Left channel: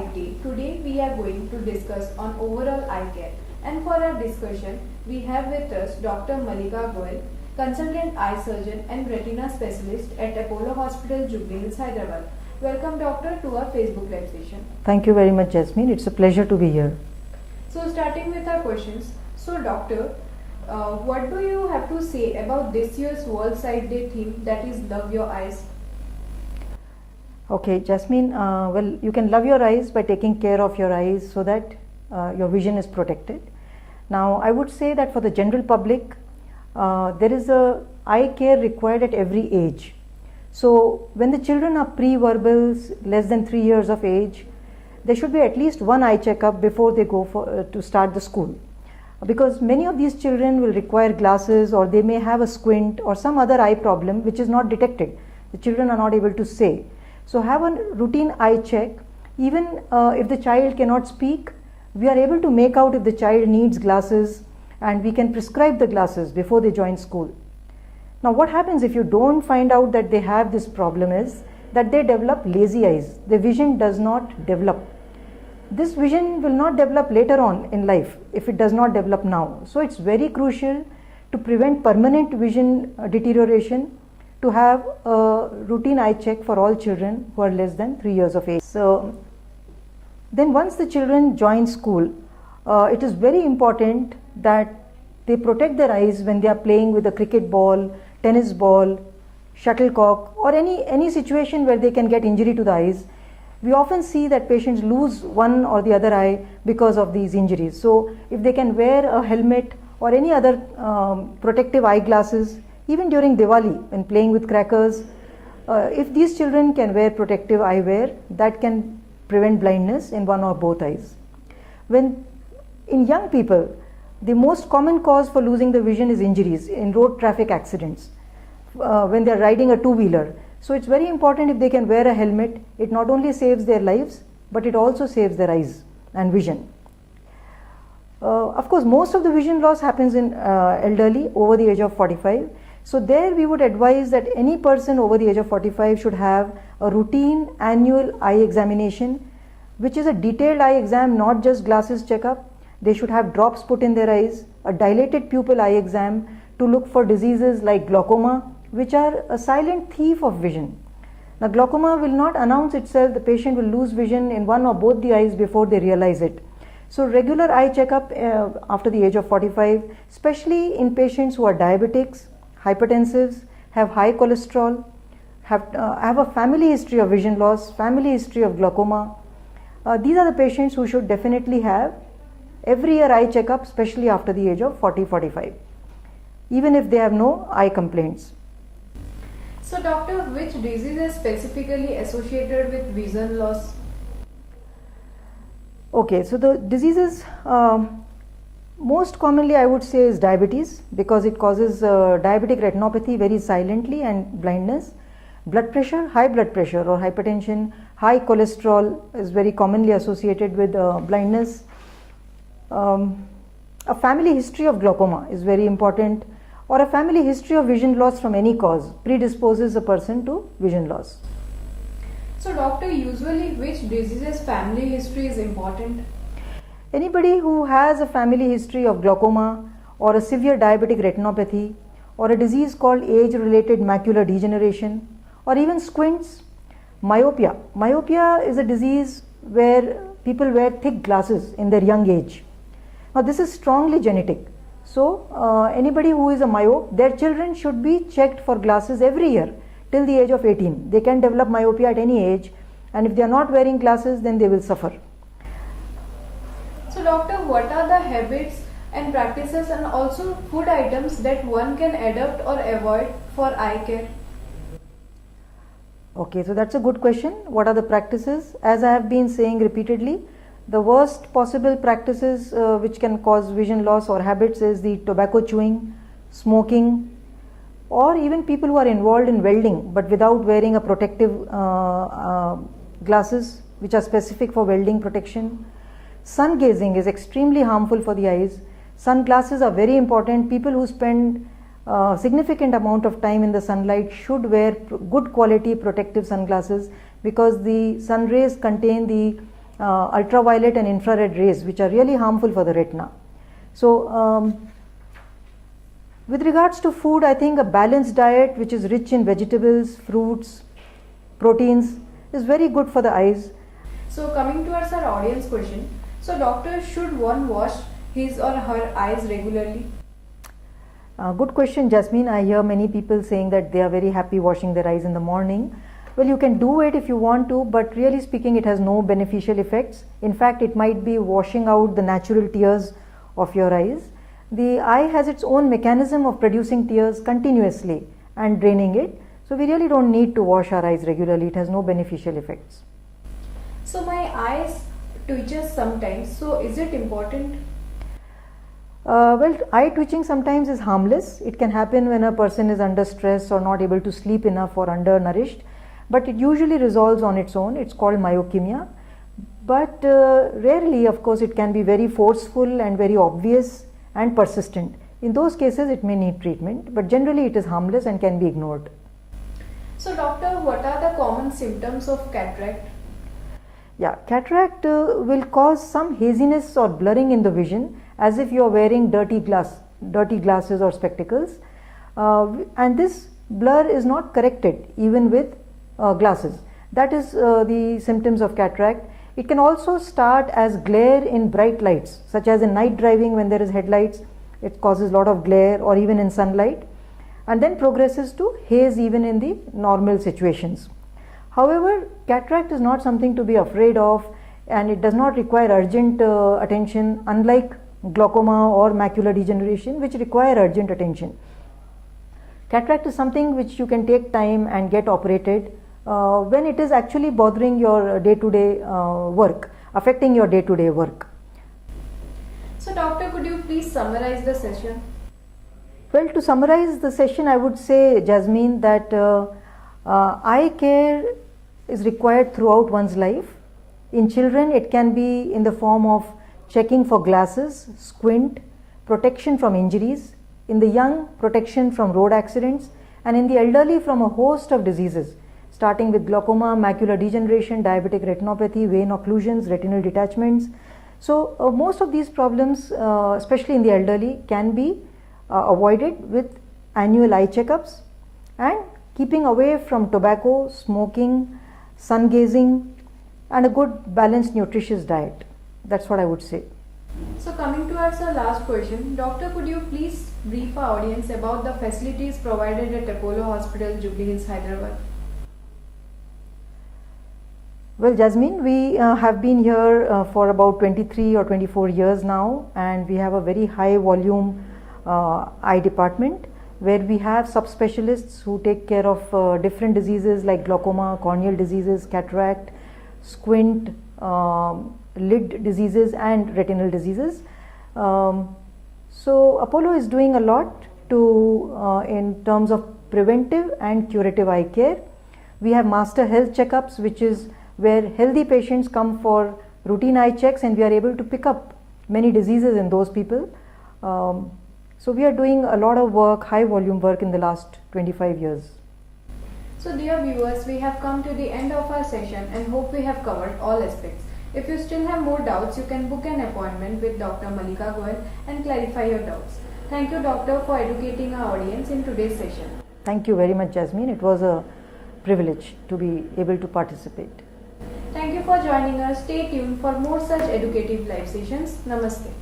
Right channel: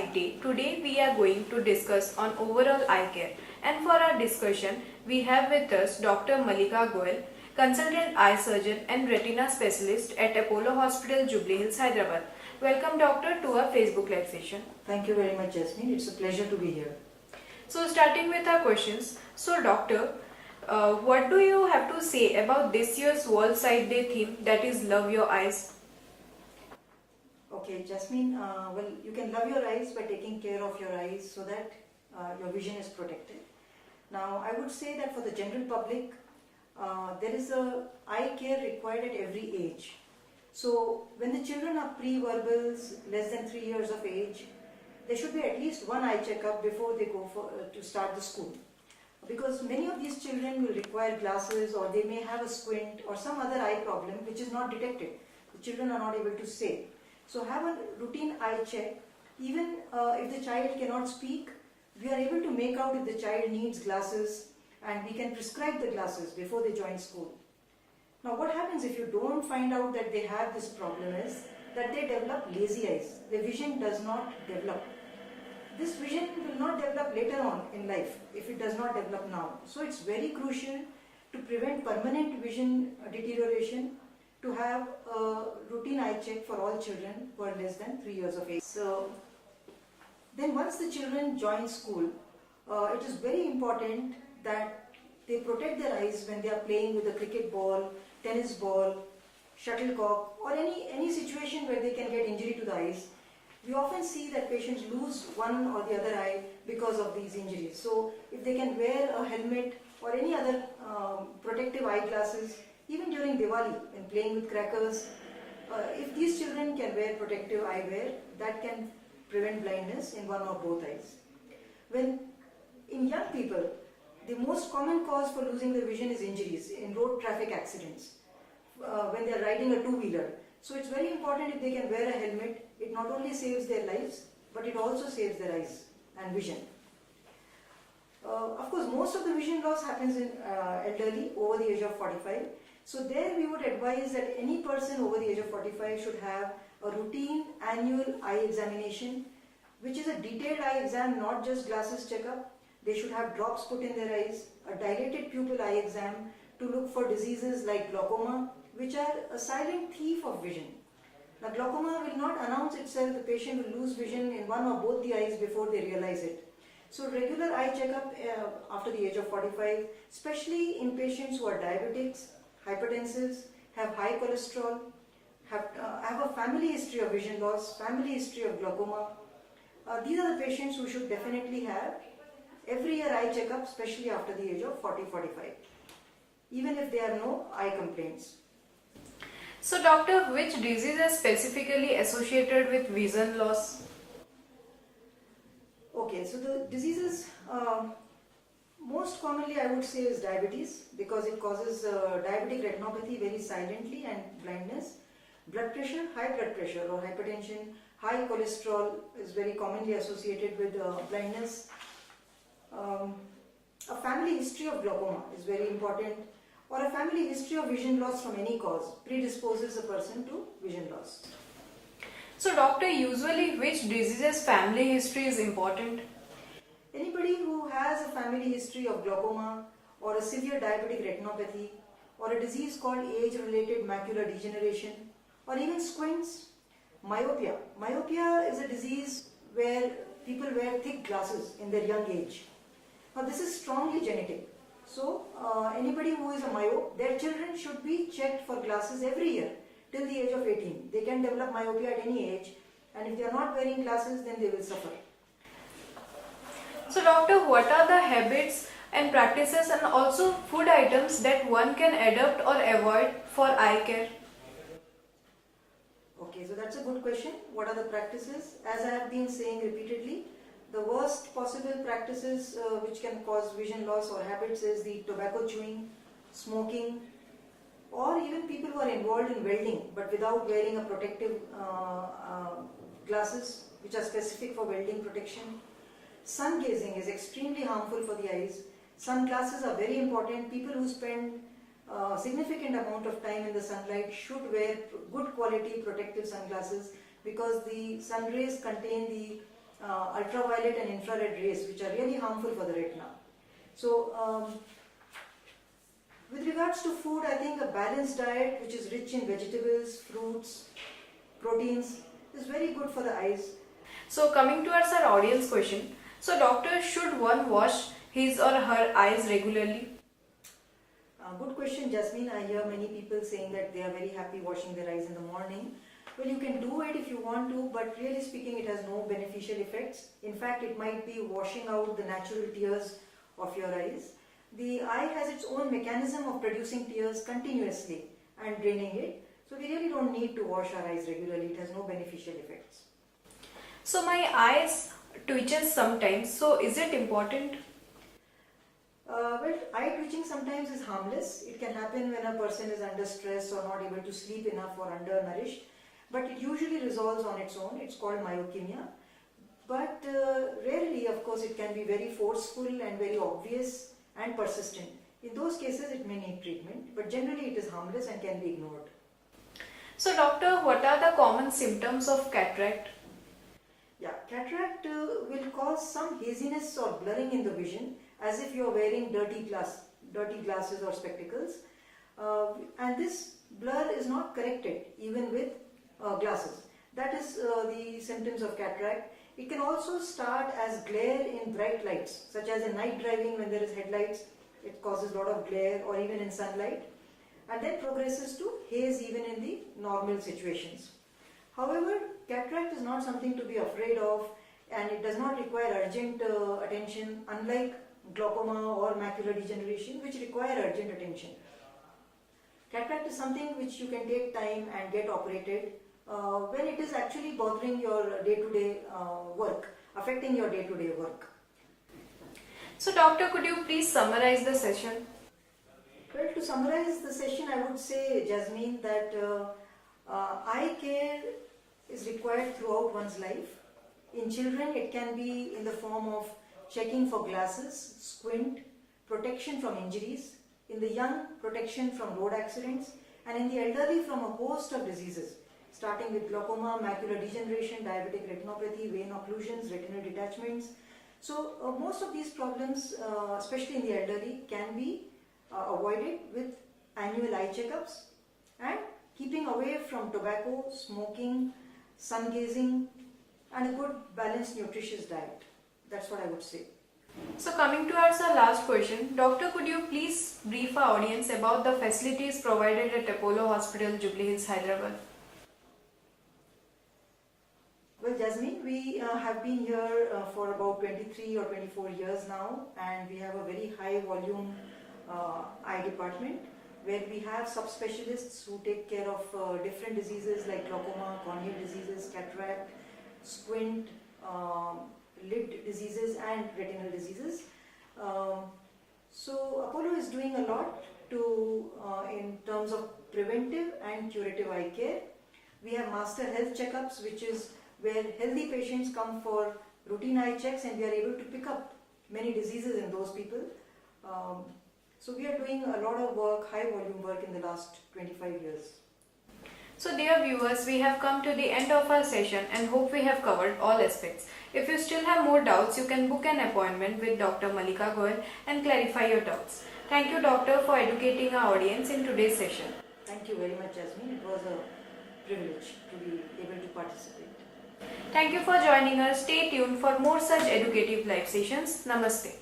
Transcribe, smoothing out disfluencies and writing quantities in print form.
Society. Today we are going to discuss on overall eye care, and for our discussion we have with us Dr. Mallika Goyal, Consultant Eye Surgeon and Retina Specialist at Apollo Hospital, Jubilee, Hyderabad. Welcome doctor to our Facebook live session. Thank you very much, Jasmine. It's a pleasure to be here. So starting with our questions. So doctor, what do you have to say about this year's World Sight Day theme, that is Love Your Eyes? Okay, Jasmine, well, you can love your eyes by taking care of your eyes so that your vision is protected. Now, I would say that for the general public, there is a eye care required at every age. So, when the children are pre-verbals, less than 3 years of age, there should be at least one eye checkup before they go to start the school. Because many of these children will require glasses, or they may have a squint or some other eye problem which is not detected. The children are not able to say. So have a routine eye check. Even if the child cannot speak, we are able to make out if the child needs glasses, and we can prescribe the glasses before they join school. Now what happens if you don't find out that they have this problem is that they develop lazy eyes. The vision does not develop. This vision will not develop later on in life if it does not develop now. So it's very crucial to prevent permanent vision deterioration to have a routine eye check for all children who are less than 3 years of age. So then once the children join school, it is very important that they protect their eyes when they are playing with a cricket ball, tennis ball, shuttlecock, or any situation where they can get injury to the eyes. We often see that patients lose one or the other eye because of these injuries. So if they can wear a helmet or any other protective eyeglasses, even during Diwali when playing with crackers, if these children can wear protective eyewear, that can prevent blindness in one or both eyes. When in young people, the most common cause for losing the vision is injuries in road traffic accidents when they are riding a two-wheeler. So it's very important if they can wear a helmet. It not only saves their lives, but it also saves their eyes and vision. Of course, most of the vision loss happens in elderly over the age of 45. So there we would advise that any person over the age of 45 should have a routine annual eye examination, which is a detailed eye exam, not just glasses checkup. They should have drops put in their eyes, a dilated pupil eye exam to look for diseases like glaucoma, which are a silent thief of vision. Now glaucoma will not announce itself. The patient will lose vision in one or both the eyes before they realize it. So regular eye checkup after the age of 45, especially in patients who are diabetics, hypertensives, have high cholesterol, have a family history of vision loss, family history of glaucoma. These are the patients who should definitely have every year eye checkup, especially after the age of 40-45, even if they have no eye complaints. So doctor, which disease is specifically associated with vision loss? Okay, so the diseases most commonly I would say is diabetes, because it causes diabetic retinopathy very silently and blindness. Blood pressure, high blood pressure or hypertension, high cholesterol is very commonly associated with blindness. A family history of glaucoma is very important, or a family history of vision loss from any cause predisposes a person to vision loss. So doctor, usually which diseases family history is important? Anybody who has a family history of glaucoma or a severe diabetic retinopathy or a disease called age-related macular degeneration or even squints, myopia. Myopia is a disease where people wear thick glasses in their young age. Now this is strongly genetic. So anybody who is a myope, their children should be checked for glasses every year till the age of 18. They can develop myopia at any age, and if they are not wearing glasses, then they will suffer. So doctor, what are the habits and practices and also food items that one can adopt or avoid for eye care? Okay, so that's a good question. What are the practices? As I have been saying repeatedly, the worst possible practices which can cause vision loss or habits is the tobacco chewing, smoking, or even people who are involved in welding but without wearing a protective glasses which are specific for welding protection. Sun gazing is extremely harmful for the eyes. Sunglasses are very important. People who spend significant amount of time in the sunlight should wear good quality protective sunglasses, because the sun rays contain the ultraviolet and infrared rays, which are really harmful for the retina. So with regards to food, I think a balanced diet which is rich in vegetables, fruits, proteins is very good for the eyes. So coming towards our audience question, so doctor, should one wash his or her eyes regularly? Good question, Jasmine. I hear many people saying that they are very happy washing their eyes in the morning. Well, you can do it if you want to, but really speaking, it has no beneficial effects. In fact, it might be washing out the natural tears of your eyes. The eye has its own mechanism of producing tears continuously and draining it. So we really don't need to wash our eyes regularly. It has no beneficial effects. So my eyes twitches sometimes. So is it important? Well, eye twitching sometimes is harmless. It can happen when a person is under stress or not able to sleep enough or undernourished. But it usually resolves on its own. It's called myokymia. But rarely, of course, it can be very forceful and very obvious and persistent. In those cases, it may need treatment, but generally it is harmless and can be ignored. So doctor, what are the common symptoms of cataract? Yeah, cataract will cause some haziness or blurring in the vision, as if you are wearing dirty glasses or spectacles, and this blur is not corrected even with glasses. That is the symptoms of cataract. It can also start as glare in bright lights, such as in night driving when there is headlights. It causes a lot of glare, or even in sunlight, and then progresses to haze even in the normal situations. However, cataract is not something to be afraid of, and it does not require urgent attention, unlike glaucoma or macular degeneration, which require urgent attention. Cataract is something which you can take time and get operated when it is actually bothering your day-to-day work, affecting your day-to-day work. So doctor, could you please summarize the session? Well, to summarize the session, I would say, Jasmine, that eye care is required throughout one's life. In children, it can be in the form of checking for glasses, squint, protection from injuries. In the young, protection from road accidents, and in the elderly from a host of diseases, starting with glaucoma, macular degeneration, diabetic retinopathy, vein occlusions, retinal detachments. So most of these problems, especially in the elderly, can be avoided with annual eye checkups and keeping away from tobacco, smoking, sun gazing, and a good balanced nutritious diet. That's what I would say. So coming towards the last question, doctor, could you please brief our audience about the facilities provided at Apollo Hospital, Jubilee Hills, Hyderabad? Well, Jasmine, we have been here for about 23 or 24 years now, and we have a very high volume eye department where we have subspecialists who take care of different diseases like glaucoma, corneal diseases, cataract, squint, lid diseases, and retinal diseases. So Apollo is doing a lot to in terms of preventive and curative eye care. We have master health checkups, which is where healthy patients come for routine eye checks, and we are able to pick up many diseases in those people. So we are doing a lot of work, high volume work in the last 25 years. So dear viewers, we have come to the end of our session and hope we have covered all aspects. If you still have more doubts, you can book an appointment with Dr. Mallika Goyal and clarify your doubts. Thank you, doctor, for educating our audience in today's session. Thank you very much, Jasmine. It was a privilege to be able to participate. Thank you for joining us. Stay tuned for more such educative live sessions. Namaste.